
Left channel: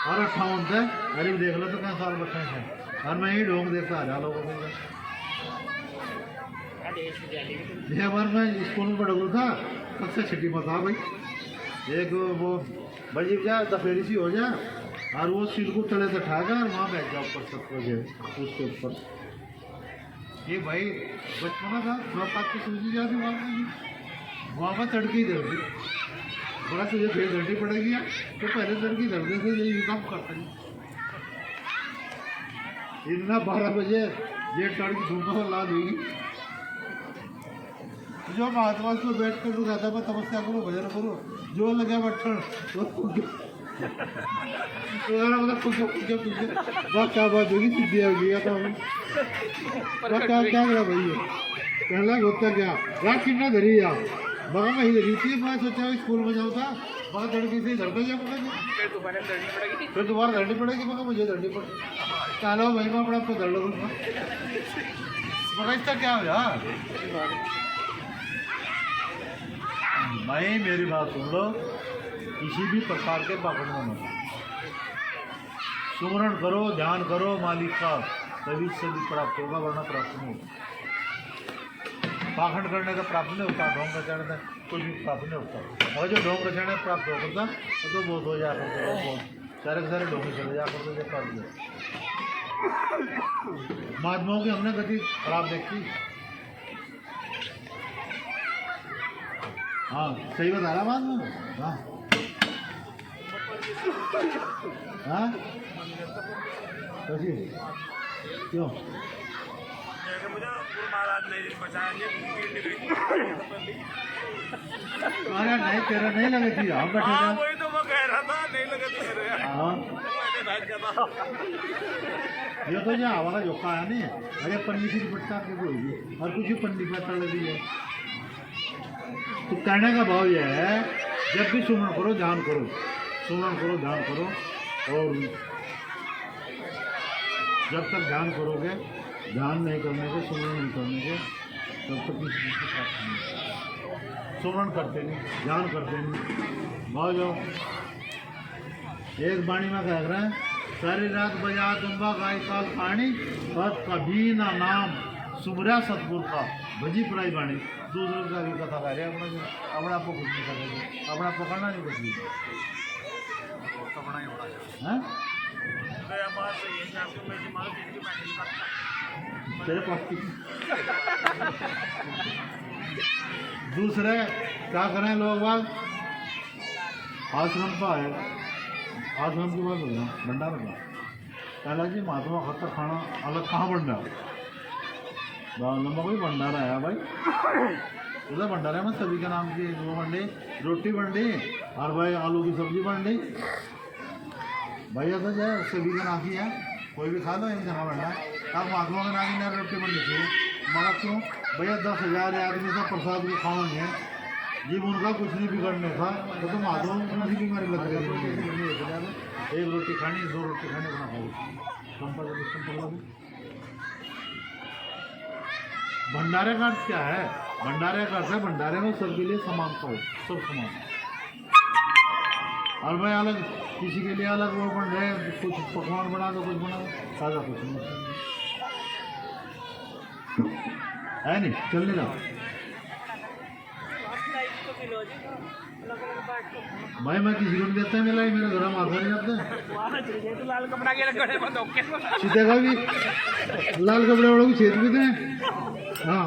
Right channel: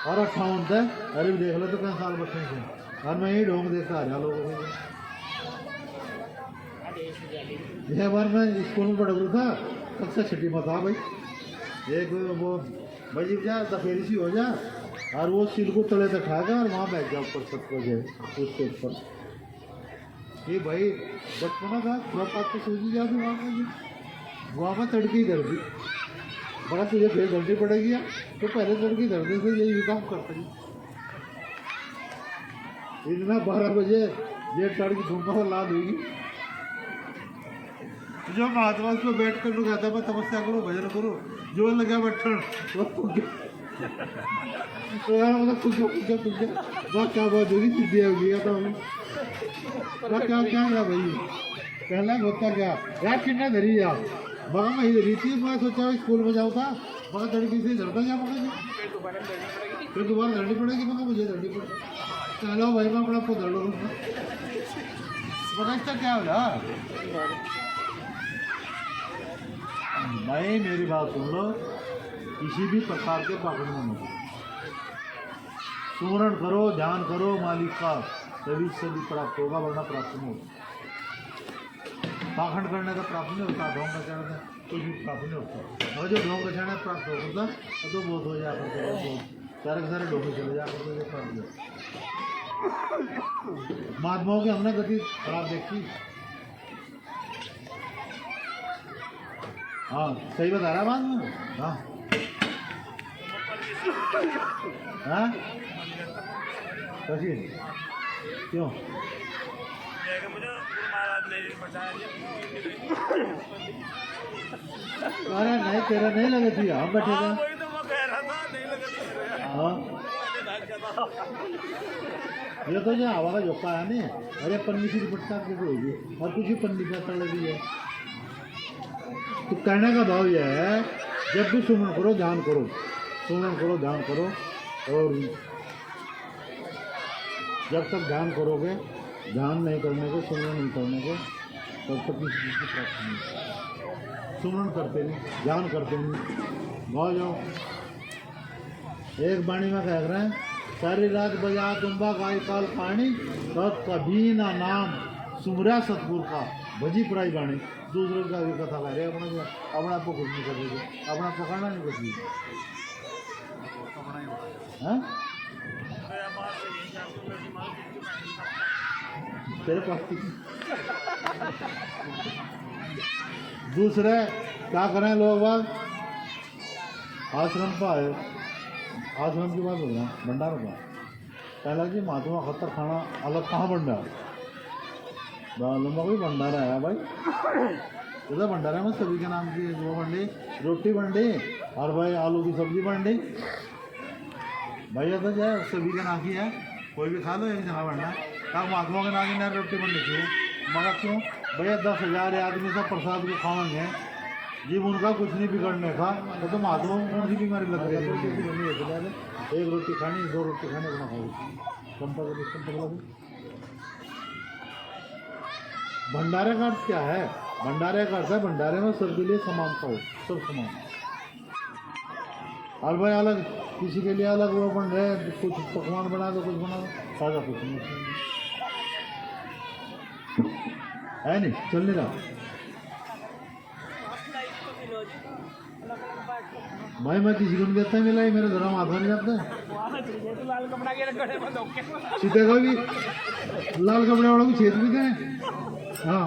और 58 था, अरे भी देख लो तो कहीं साल बच्चे थे, और मैं यही ढोंग देखता आ रहा लोगों से। यह बार मैं स्कूल में पढ़ था, कक्षा 6 में था भाई, एक वो भाई जा दफेरी सी हो जा और वो सिल को तले तक खाएगा और वहाँ बैठ जाओ ऊपर सबको जो उसके ऊपर। ये भाई बचपना था, थोड़ा बात तो सूझी जाती वहाँ में तड़की दर्दी, बड़ा तुझे फिर दर्दी पड़ेगी यार, तो पहले तड़की दर्दे से यही काम करते हैं। इतना 12 बजे ये तड़की धूप ला देगी, जो महात्मा को बैठ कर कहता मैं तपस्या करो, भजन करो, जो लगे बैठन मतलब क्या बात होगी, सिद्धि होगी क्या क्या क्या करा भाई, पहला होता क्या रात कितना धरी आप मगर मैं धरी थी, मैं सोचा स्कूल में जाऊँ था, मगर लड़की थी धरता जा मगर फिर दोबारा धरनी पड़ेगी, मगर मुझे धरनी पड़ेगी, चलो भाई मैं अपने आपको धर लो मगर इसका क्या हो यार। मैं मेरी बात सुन लो, किसी भी प्रकार के पाखंड में न, सुमरण करो, ध्यान करो मालिक का, तभी से भी प्राप्त होगा, वरना प्राप्त नहीं होगा। पाखंड करने का प्राप्त नहीं होता, ढोंग रचाने का कुछ भी प्राप्त नहीं होता। अगर जो ढोंग रचाने प्राप्त होता तो बहुत हो जाया करते, बहुत सारे के सारे ढोंगे चले जा करते प्राप्त। महात्माओं की हमने गति खराब देखी। हाँ सही बता रहा बात में। हाँ हाँ कैसी क्यों अरे नहीं तेरा नहीं लगे थी, हम बैठे थे। वही तो मैं कह रहा था, नहीं लगे थे। हाँ ये तो जो हवा का झोंका आया नहीं, अरे पन्नी की दुपट्टा के होगी और कुछ भी पन्नी पर तड़ लगी है। तो कहने का भाव यह है, जब भी सुमरण करो ध्यान करो, सुमरण करो ध्यान करो, और जब तक ध्यान करोगे, ध्यान नहीं करने के, सुमरण नहीं करने के, तब तक किसी चीज़ की प्राप्ति नहीं। सुमरण करते नहीं, ध्यान करते नहीं, भाव जाओ। एक वाणी में कह रहे हैं, सारी रात बजा तुम्बा गाय काल कहानी, पर कभी ना नाम सुमरा सतगुरु का भजी पराई वाणी। दूसरों का भी कथा कर रहे हैं, अपने आप को कुछ नहीं कर रहे, अपने आप को करना नहीं कुछ भी, हैं तेरे पास किसी दूसरे क्या करें लोग बाग आश्रम पर आए, आश्रम की बात हो रहा भंडारा का, पहला जी महात्मा खतर खाना अलग कहाँ बन रहा, लंबा कोई भंडारा है भाई, इधर भंडारा में सभी के नाम की वो बन रही, रोटी बन रही और भाई आलू की सब्जी बन रही, भैया तो जाए सभी के नाम की है, कोई भी खा लो एक जगह बनना, तब महात्मा के नाम की ना रोटी बननी चाहिए, मगर क्यों भैया 10,000 आदमी सब प्रसाद को खाएंगे, जीव उनका कुछ नहीं बिगड़ने का, तो महात्मा कौन सी बीमारी लग रही है, एक रोटी खानी 2 रोटी खानी अपना खाओ, भंडारे का अर्थ क्या है, भंडारे का अर्थ है भंडारे में सबके लिए समानता हो, सब समान, और भाई अलग किसी के लिए अलग वो बन रहे, कुछ पकवान बना दो, कुछ बना दो, ताज़ा कुछ नहीं है, नहीं चलने जाओ। भाई मैं किसी को नहीं देता मिला, मेरे घर में हाथों नहीं जाता सीधे का भी लाल कपड़े वालों को छेद भी थे। हाँ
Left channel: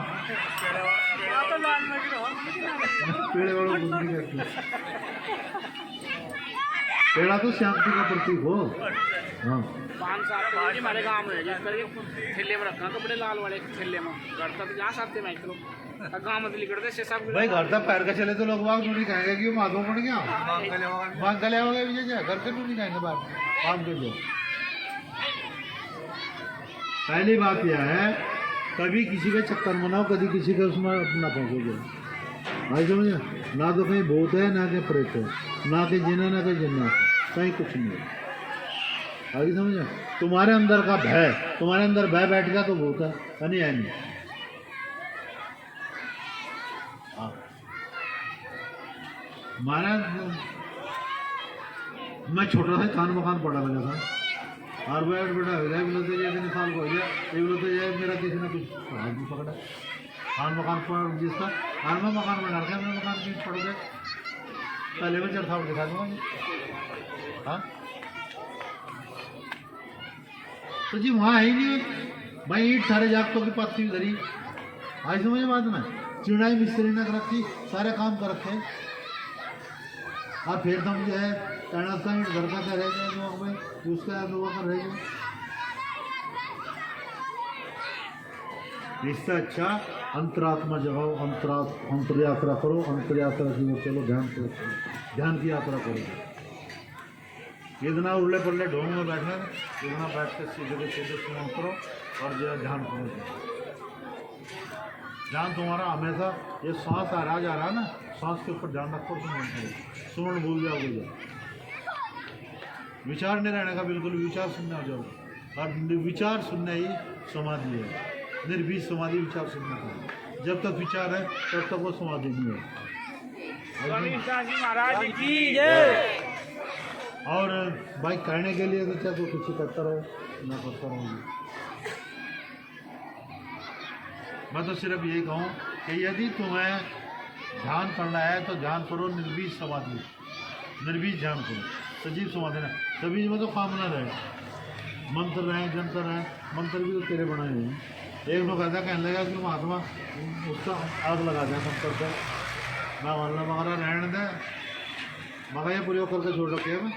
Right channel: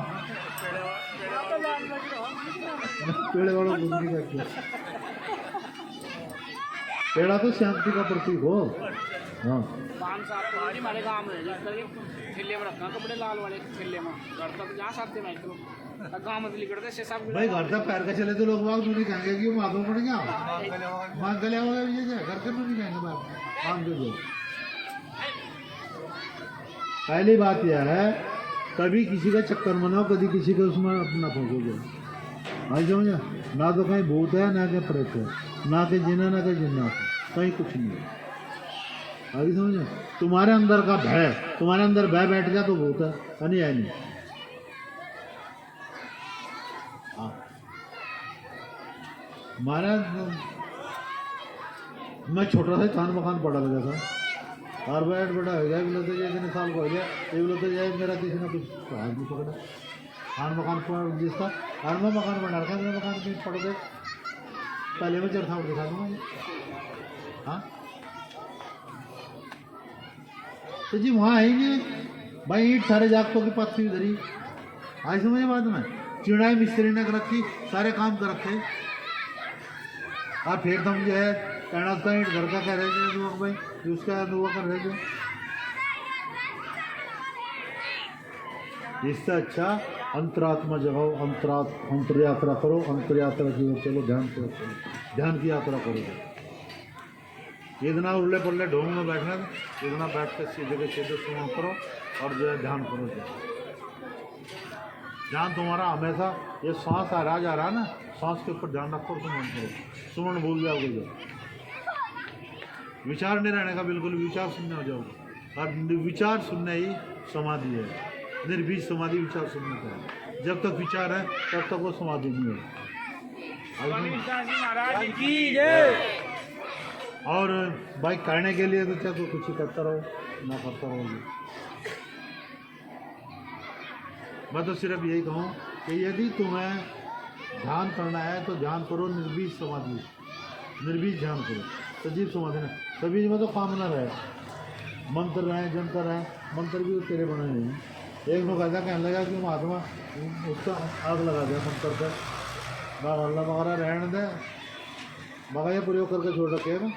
पेड़ वालों को नहीं करते, पेड़ा तो शांति का प्रतीक हो। हाँ 5 साल पहले हमारे गाँव में जा करके ठेले में रखना कपड़े लाल वाले ठेले में घर तक जहाँ साथ मैं चलो गाँव में लिखते से सब भाई घर तक पैर का चले तो लोग बाग नहीं कहेंगे कि माधो पड़ गया मांग गले हो गए घर के नहीं कहेंगे बात काम के जो। पहली बात यह है कभी किसी का चक्कर मनाओ कभी किसी के उसमें अपना फंसोगे। आई समझे ना तो कहीं भूत है ना कहीं प्रेत है ना कहीं जिना ना कहीं जन्नत कहीं कुछ नहीं है। आई समझे तुम्हारे अंदर का भय तुम्हारे अंदर भय बैठ गया तो भूत है नहीं है नहीं। हाँ महाराज मैं छोटा सा कान मकान पड़ा लगा था और बैठ बेटा हो जाए बोलते जाए इतने साल को हो जाए ये बोलते जाए मेरा किसी ने कुछ हाथ भी पकड़ा खान मकान पर जिसका मैं मकान बना रखा मेरा मकान की पड़ गए पहले में चरथा दिखा दूंगा ये। हाँ तो जी वहाँ है ही नहीं भाई ईट सारे जागतों की पत्ती धरी आज समझे बात में चिड़ाई मिस्त्री ने कर रखी सारे काम कर रखे। आप फिर तुम जो है कहना था ईट घर का कह रहे थे भाई उसका दुआ कर रहे थे। इससे अच्छा अंतरात्मा जगाओ अंतर यात्रा करो अंतर यात्रा की ओर चलो ध्यान की यात्रा करो। इतना उल्ले पल्ले ढोंग में बैठना इतना बैठ कर सीधे के सीधे सुमन करो और जो है ध्यान करो। ध्यान तुम्हारा हमेशा ये सांस आ रहा जा रहा ना सांस के ऊपर ध्यान रखो सुमन करो सुमन भूल जाओगे जब विचार नहीं रहने का बिल्कुल विचार शून्य हो जाओगे और विचार शून्य ही समाधि है। निर्बीज समाधि विचार शून्य का है जब तक विचार है तब तक वो समाधि नहीं है। और भाई करने के लिए तो चाहे तो कुछ करता रहो ना करता रहोगे। मैं तो सिर्फ यही कहूँ कि यदि तुम्हें ध्यान करना है तो ध्यान करो निर्बीज समाधि निर्बीज ध्यान करो सजीव समाधि है। सभी में तो कामना रहे मंत्र रहे जंतर रहे मंत्र भी तो तेरे बनाए हैं। एक लोग ऐसा कहने लगा कि महात्मा उसका आग लगा दिया मंत्र का मैं वल्लभ वगैरह रहने दे मगर ये प्रयोग करके छोड़ रखे मैं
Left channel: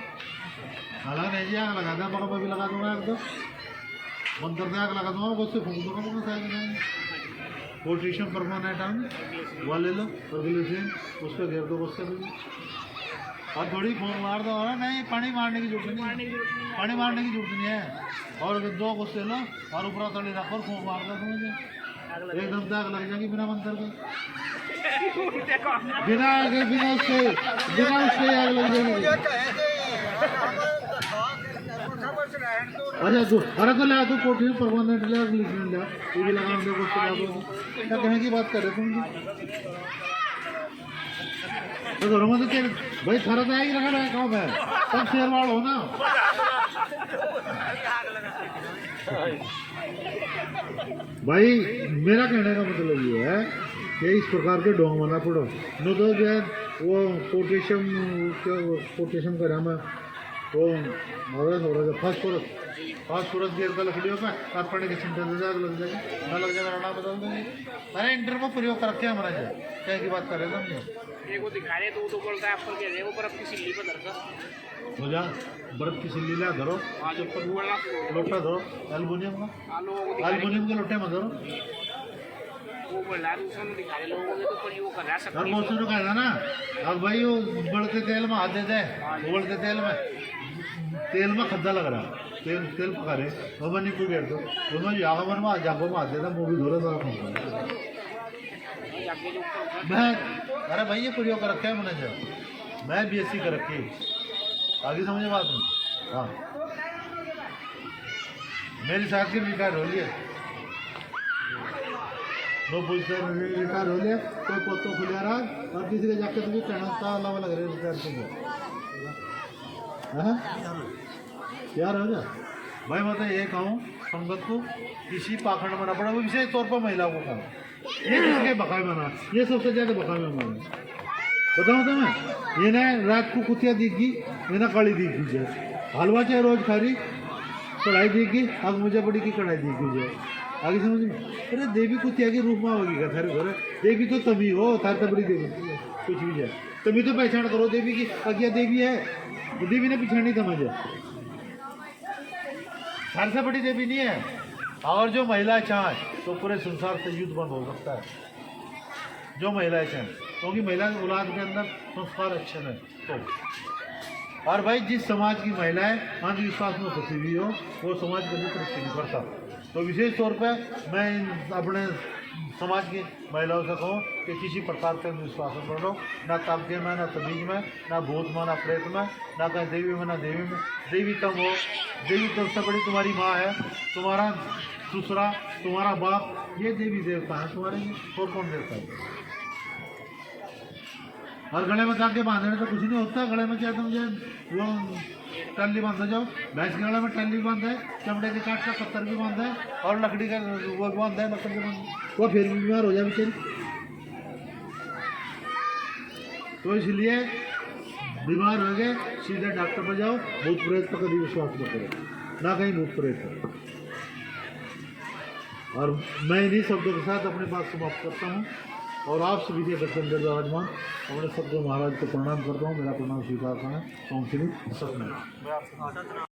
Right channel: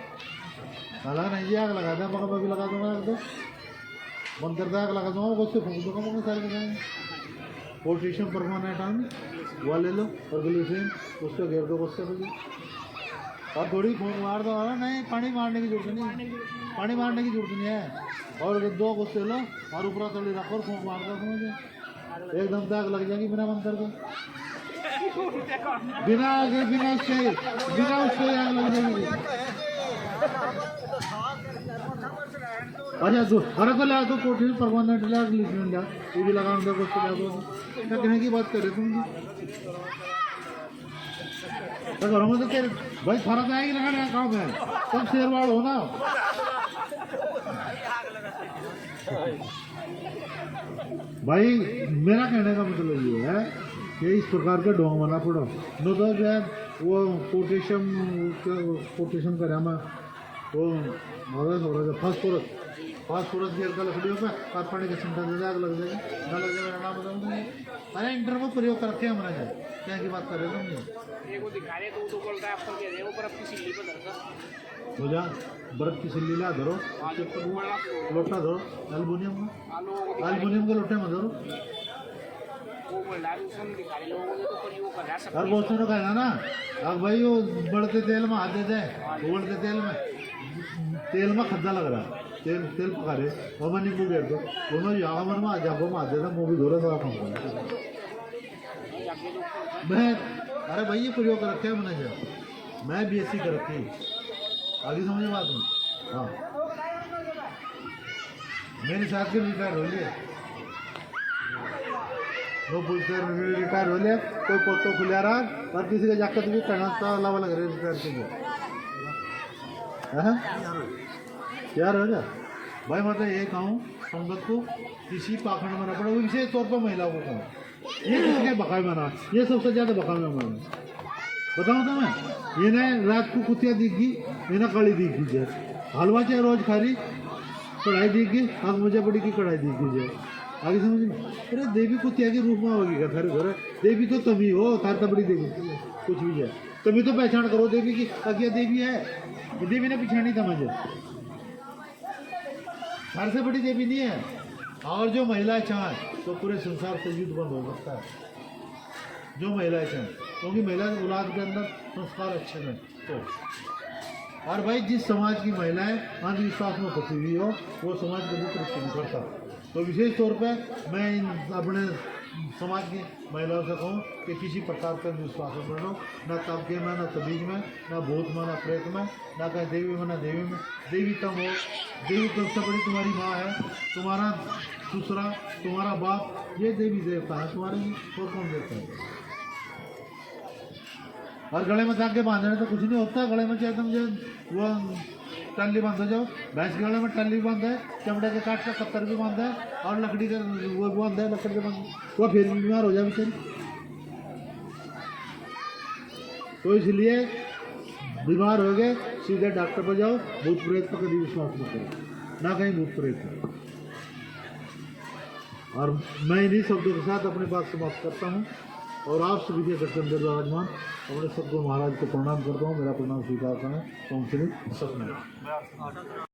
हालांकि नहीं जी आग लगा दिया मगर मैं भी लगा दूंगा आग तो मंत्र से आग लगा दूंगा उससे फूंक दूंगा मगर साइड लगाएंगे पोटेशियम परमानेंट आम वह ले लो और ग्लिसरीन उसको घेर दो गुस्से में और थोड़ी फूंक मार दो। नहीं पानी मारने की जरूरत नहीं पानी मारने की जरूरत नहीं है और 2 गुस्से लो और ऊपर तली रखो और फूंक मार दो समझे एकदम से आग लग जाएगी बिना मंत्र के बिना उसके आग लग जाएगी। अच्छा तो अरे तो ले तो पोटेशियम परमानेंट ले ग्लिसरीन ला ये भी लगा दो गुस्से तो कहने की बात कर रहे तुम तो घरों में तो भाई खरा तो आएगी लगा रहा है कहाँ है तुम शेरवाड़ हो ना। भाई मेरा कहने का मतलब ये है कि इस प्रकार के डोंग बना छोड़ो न तो जो है वो पोटेशियम का रहमा वो फास्फोरस गिर का लकड़ियों पे कार्बन के सेंटर से आग लग जाएगी ना लग जाएगा ना बदल देंगे। अरे इंटर में प्रयोग कर रखे हमारा जाए क्या की बात कर रहे हो एक वो दिखा रहे तो बोलता है आपको कह रहे वो बर्फ की सिल्ली पर धरकर हो जा बर्फ की सिल्ली ला धरो लोटा धरो एल्युमिनियम के लोटे में धरो वो बोल रहा है उसमें दिखा रहे लोगों को तो प्रयोग कर रहा है और बहुत सारे कहना ना अब भाई वो बढ़ते तेल में हाथ देते हैं उबलते तेल में खद्दा लग रहा तेल पका रहे वो नहीं पूछ तो उसमें जागो में जागो में आते था वो भी धोरे सारा खाऊंगा मैं अरे भाई ये प्रयोग कर रखे है मैंने जो मैं BSc कर रखी आगे समझे बात में। हाँ मेरी साथ की रिटायर हो लिया वो पूछते रिटायर हो लिया कोई पोतो खुलिया रहा और किसी के जाकर भी कहना तो अलावा लग रहे रिटायर के यार हो गया भाई मैं तो ये कहूँ संगत को किसी पाखंड में ना पड़ा वो विशेष तौर पर महिलाओं को कहूँ ये किसके बकाए बना ये सबसे ज़्यादा बकाए में बना बताऊँ तुम्हें ये ना रात को कुतिया दिखी ये ना कड़ी दिखी जाए हलवा चाहे रोज खा रही कढ़ाई दिखी अब मुझे बड़ी की कढ़ाई दिखी जाए आगे समझ में? अरे देवी को त्यागी रूप में होगी क्या थारे घर? देवी तो तभी हो, थार तबड़ी देवी कुछ भी है तभी तो पहचान करो देवी की क्या देवी है। देवी ने पहचानी था मुझे, थार से बड़ी देवी नहीं है। और जो महिला चाहे तो पूरे संसार से युद्ध बंद हो सकता है, जो महिलाएं चाहें, क्योंकि महिला की औलाद के अंदर संस्कार अच्छे हैं तो। और भाई जिस समाज की महिलाएं अंधविश्वास में फंसी हुई हो वो समाज कभी तरक्की नहीं करता। तो विशेष तौर पे मैं इन अपने समाज की महिलाओं से कहूँ कि किसी प्रकार के अंधविश्वास में पढ़ो, ना ताबके में, ना तबीज में, ना भूत में, ना प्रेत में, ना कहीं देवी में, ना देवी में। देवी तब हो, देवी तब से बड़ी तुम्हारी माँ है, तुम्हारा दूसरा, तुम्हारा बाप, ये देवी देवता है तुम्हारे लिए, और कौन देवता है? और गले में धागे बांधने तो कुछ नहीं होता। गले में क्या मुझे वो टल्ली बांधो जाओ, भैंस के गले में टल्ली भी बांधा है, चमड़े के काट का कत्तर भी बांधा है, और लकड़ी का वो भी बांधा है, लकड़ी के वो फिर भी बीमार हो जाए बेचारी। तो इसलिए बीमार हो गए सीधे डॉक्टर पर जाओ, भूत प्रेत पर कभी विश्वास न करो, ना कहीं भूत प्रेत पर। और मैं इन्हीं शब्दों के साथ अपनी बात समाप्त करता हूँ और आप सभी के दर्शन दे विराजमान अपने सबको महाराज को प्रणाम करता हूँ। मेरा प्रणाम स्वीकार करें। ओम श्री सत्यनारायण।